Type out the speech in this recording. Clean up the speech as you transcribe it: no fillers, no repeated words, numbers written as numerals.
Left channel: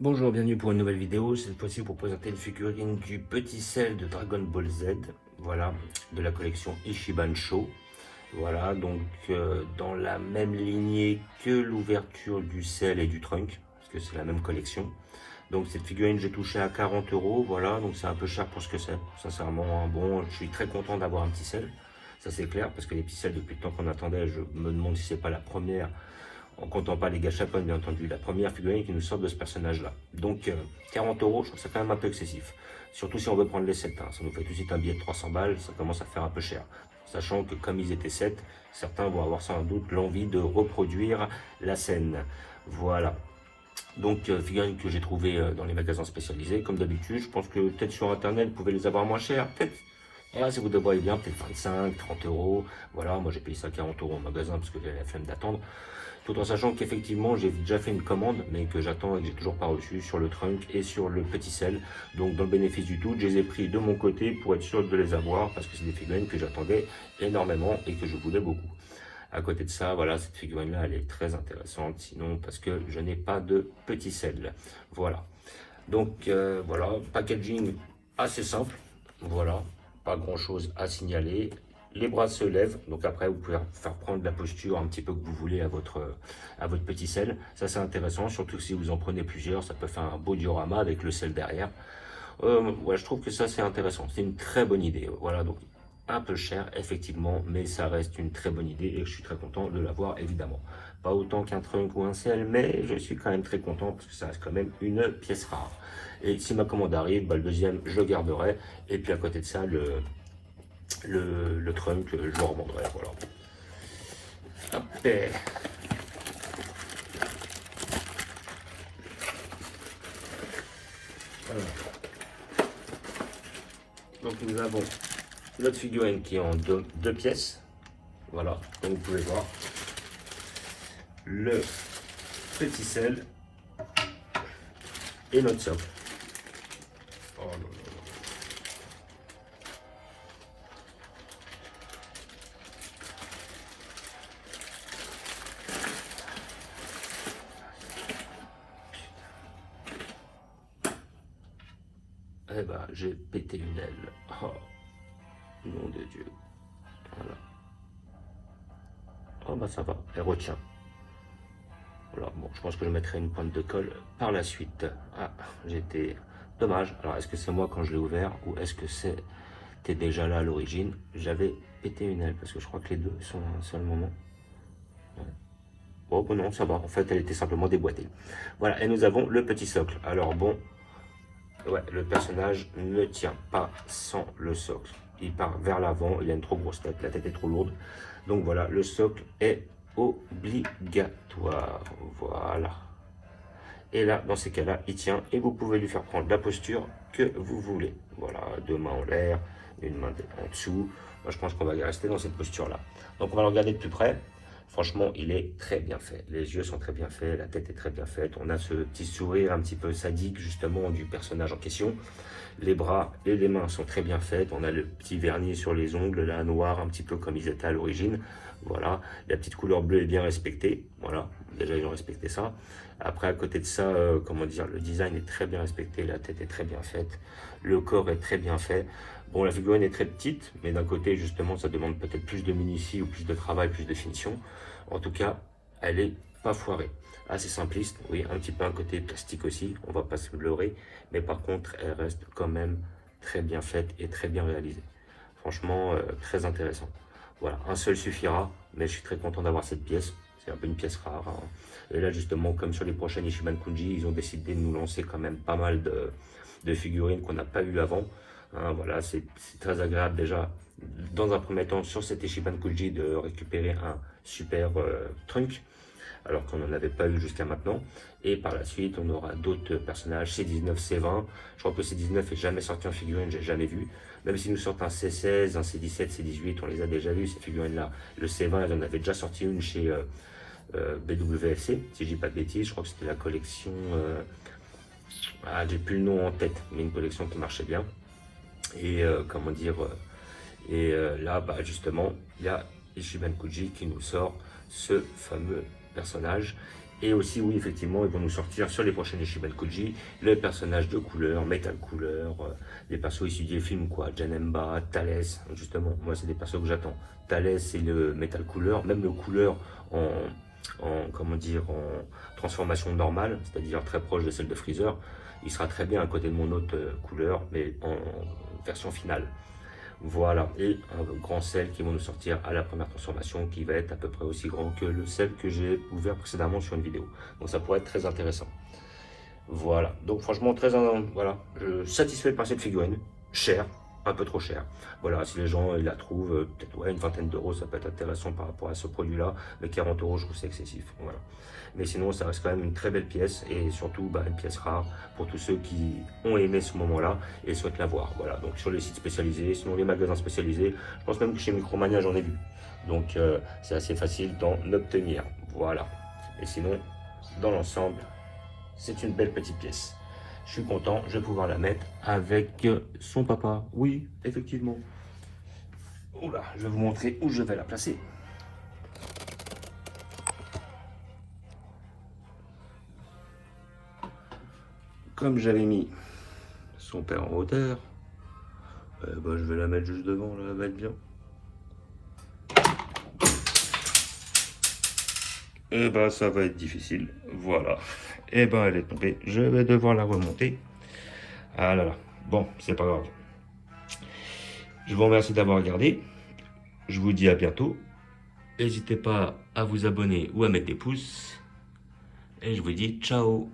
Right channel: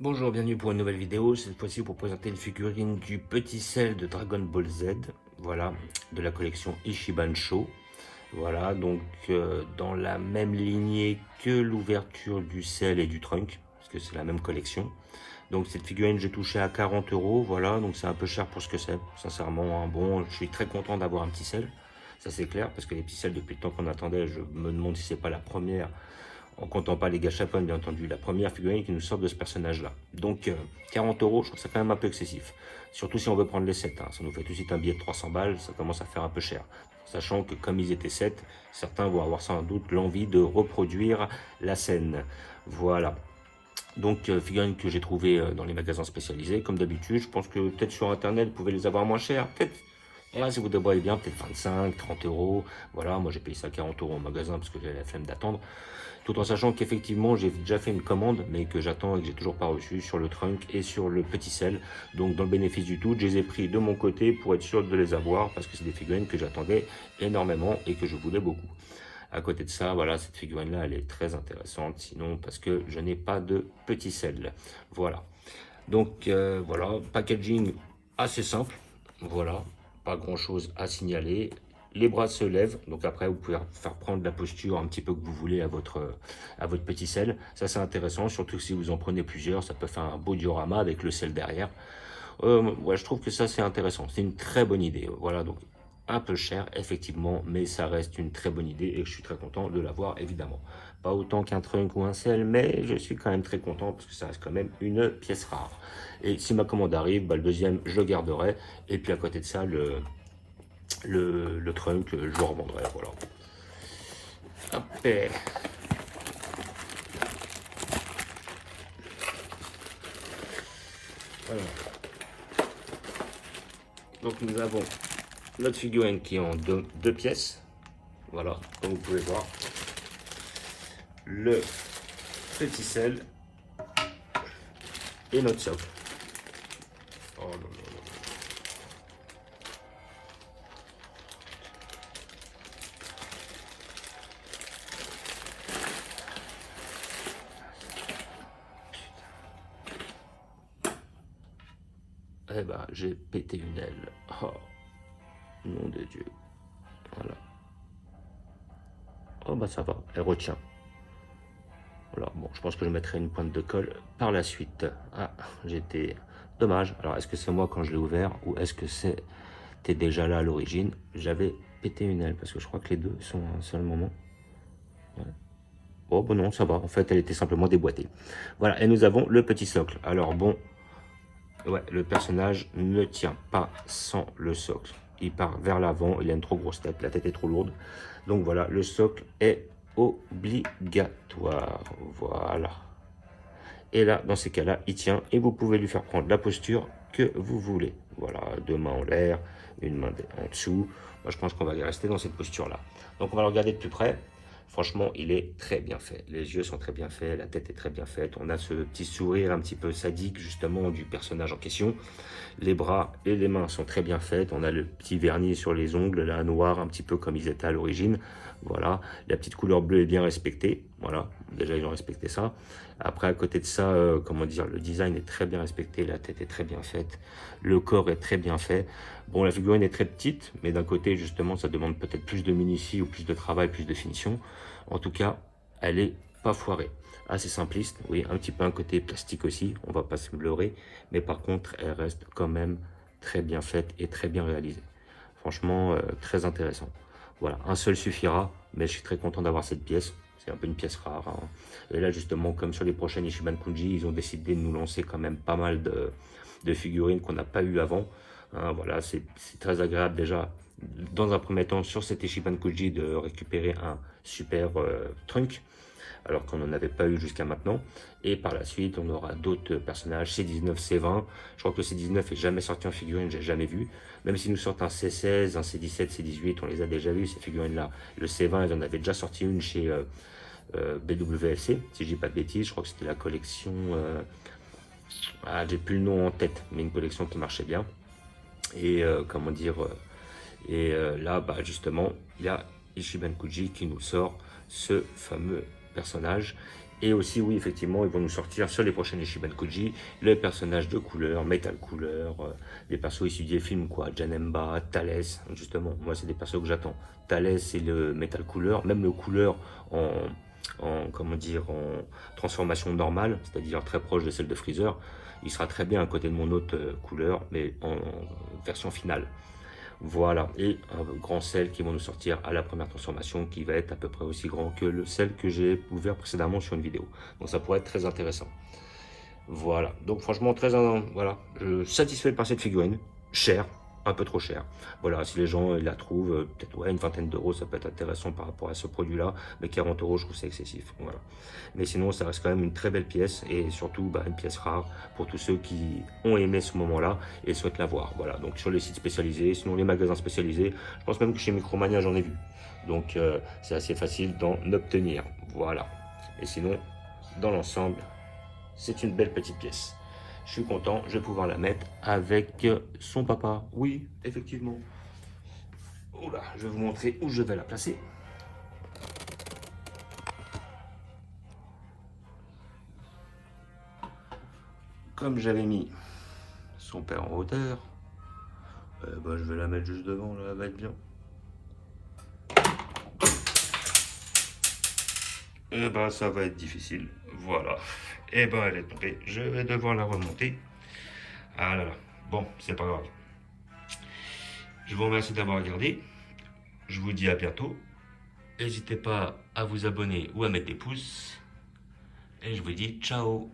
Bonjour, bienvenue pour une nouvelle vidéo. Cette fois-ci pour présenter une figurine du petit sel de Dragon Ball Z. Voilà, de la collection Ichiban Sho. Voilà, donc dans la même lignée que l'ouverture du sel et du trunk, parce que c'est la même collection. Donc cette figurine, j'ai touché à 40 euros. Voilà, donc c'est un peu cher pour ce que c'est. Sincèrement, hein. Bon, je suis très content d'avoir un petit sel. Ça c'est clair, parce que les petits sels, depuis le temps qu'on attendait, je me demande si c'est pas la première, en comptant pas les gachapon bien entendu, la première figurine qui nous sort de ce personnage là. Donc 40 euros, je trouve ça quand même un peu excessif. Surtout si on veut prendre les 7, hein. Ça nous fait tout de suite un billet de 300 balles, ça commence à faire un peu cher. Sachant que comme ils étaient 7, certains vont avoir sans doute l'envie de reproduire la scène. Voilà. Donc figurines que j'ai trouvées dans les magasins spécialisés, comme d'habitude. Je pense que peut-être sur internet, vous pouvez les avoir moins chers. Peut-être, voilà, si vous débrouillez bien, peut-être 25, 30 euros. Voilà, moi j'ai payé ça 40 euros en magasin parce que j'avais la flemme d'attendre. Tout en sachant qu'effectivement j'ai déjà fait une commande, mais que j'attends et que j'ai toujours pas reçu sur le trunk et sur le petit sel. Donc dans le bénéfice du doute, je les ai pris de mon côté pour être sûr de les avoir, parce que c'est des figurines que j'attendais énormément et que je voulais beaucoup. À côté de ça, voilà, cette figurine-là, elle est très intéressante, sinon parce que je n'ai pas de petit sel. Voilà. Donc voilà, packaging assez simple. Voilà, pas grand-chose à signaler. Les bras se lèvent, donc après vous pouvez faire prendre la posture un petit peu que vous voulez à votre petit sel. Ça c'est intéressant, surtout si vous en prenez plusieurs, ça peut faire un beau diorama avec le sel derrière. Ouais, je trouve que ça c'est intéressant, c'est une très bonne idée. Voilà, donc un peu cher effectivement, mais ça reste une très bonne idée et je suis très content de l'avoir évidemment. Pas autant qu'un trunk ou un sel, mais je suis quand même très content parce que ça reste quand même une pièce rare. Et si ma commande arrive, bah, le deuxième je le garderai, et puis à côté de ça le trunk je le revendrai. Voilà. Hop, voilà. Donc nous avons notre figurine qui est en deux pièces. Voilà, comme vous pouvez voir, le petit sel et notre socle. Oh là là. Eh ben, j'ai pété une aile. Oh, nom de Dieu. Voilà. Oh bah ça va, elle retient. Voilà, bon, je pense que je mettrai une pointe de colle par la suite. Ah, j'étais... Dommage. Alors, est-ce que c'est moi quand je l'ai ouvert ou est-ce que c'était déjà là à l'origine? J'avais pété une aile parce que je crois que les deux sont à un seul moment. Ouais. Oh, bon non, ça va. En fait, elle était simplement déboîtée. Voilà, et nous avons le petit socle. Alors, bon, ouais, le personnage ne tient pas sans le socle. Il part vers l'avant, il a une trop grosse tête, la tête est trop lourde. Donc voilà, le socle est obligatoire. Voilà. Et là, dans ces cas-là, il tient et vous pouvez lui faire prendre la posture que vous voulez. Voilà, deux mains en l'air, une main en dessous. Moi, je pense qu'on va rester dans cette posture-là. Donc, on va le regarder de plus près. Franchement, il est très bien fait. Les yeux sont très bien faits, la tête est très bien faite. On a ce petit sourire un petit peu sadique, justement, du personnage en question. Les bras et les mains sont très bien faites. On a le petit vernis sur les ongles, là, noir, un petit peu comme ils étaient à l'origine. Voilà, la petite couleur bleue est bien respectée. Voilà, déjà, ils ont respecté ça. Après, à côté de ça, comment dire, le design est très bien respecté, la tête est très bien faite, le corps est très bien fait. Bon, la figurine est très petite, mais d'un côté, justement, ça demande peut-être plus de minutie ou plus de travail, plus de finition. En tout cas, elle est pas foirée. Assez simpliste, oui, un petit peu un côté plastique aussi, on va pas se leurrer, mais par contre, elle reste quand même très bien faite et très bien réalisée. Franchement, très intéressant. Voilà, un seul suffira, mais je suis très content d'avoir cette pièce. C'est un peu une pièce rare, hein. Et là, justement, comme sur les prochaines Ichiban Kuji, ils ont décidé de nous lancer quand même pas mal de figurines qu'on n'a pas eu avant. Hein, voilà, c'est très agréable déjà, dans un premier temps, sur cet Ichiban Kuji, de récupérer un super trunk, alors qu'on n'en avait pas eu jusqu'à maintenant. Et par la suite, on aura d'autres personnages, C19, C20. Je crois que le C19 est jamais sorti en figurine, j'ai jamais vu. Même s'ils nous sortent un C16, un C17, C18, on les a déjà vus, ces figurines-là. Le C20, ils en avaient déjà sorti une chez BWFC, si je dis pas de bêtises. Je crois que c'était la collection... j'ai plus le nom en tête, mais une collection qui marchait bien. Et comment dire... là, bah, justement, il y a Ichiban Kuji qui nous sort ce fameux personnage. Et aussi, oui, effectivement, ils vont nous sortir sur les prochaines Ishiban Koji les personnages de couleur, Metal Couleur, les persos issus des films, quoi. Janemba, Thalès, justement, moi, c'est des persos que j'attends. Thalès, c'est le Metal Couleur, même le couleur comment dire, en transformation normale, c'est-à-dire très proche de celle de Freezer. Il sera très bien à côté de mon autre couleur, mais en version finale. Voilà, et un grand sel qui va nous sortir à la première transformation qui va être à peu près aussi grand que le sel que j'ai ouvert précédemment sur une vidéo. Donc ça pourrait être très intéressant. Voilà, donc franchement voilà, je suis satisfait par cette figurine, cher, un peu trop cher. Voilà, si les gens la trouvent, peut-être ouais, une vingtaine d'euros, ça peut être intéressant par rapport à ce produit-là, mais 40 euros, je trouve c'est excessif. Voilà. Mais sinon, ça reste quand même une très belle pièce et surtout une pièce rare pour tous ceux qui ont aimé ce moment-là et souhaitent l'avoir. Voilà, donc sur les sites spécialisés, sinon les magasins spécialisés, je pense même que chez Micromania, j'en ai vu. Donc c'est assez facile d'en obtenir. Voilà. Et sinon, dans l'ensemble, c'est une belle petite pièce. Je suis content, je vais pouvoir la mettre avec son papa. Oui, effectivement. Oula, je vais vous montrer où je vais la placer. Comme j'avais mis son père en hauteur, je vais la mettre juste devant, là, elle va être bien. Et ça va être difficile. Voilà. Et elle est tombée. Je vais devoir la remonter. Ah là là. Bon, c'est pas grave. Je vous remercie d'avoir regardé. Je vous dis à bientôt. N'hésitez pas à vous abonner ou à mettre des pouces. Et je vous dis ciao.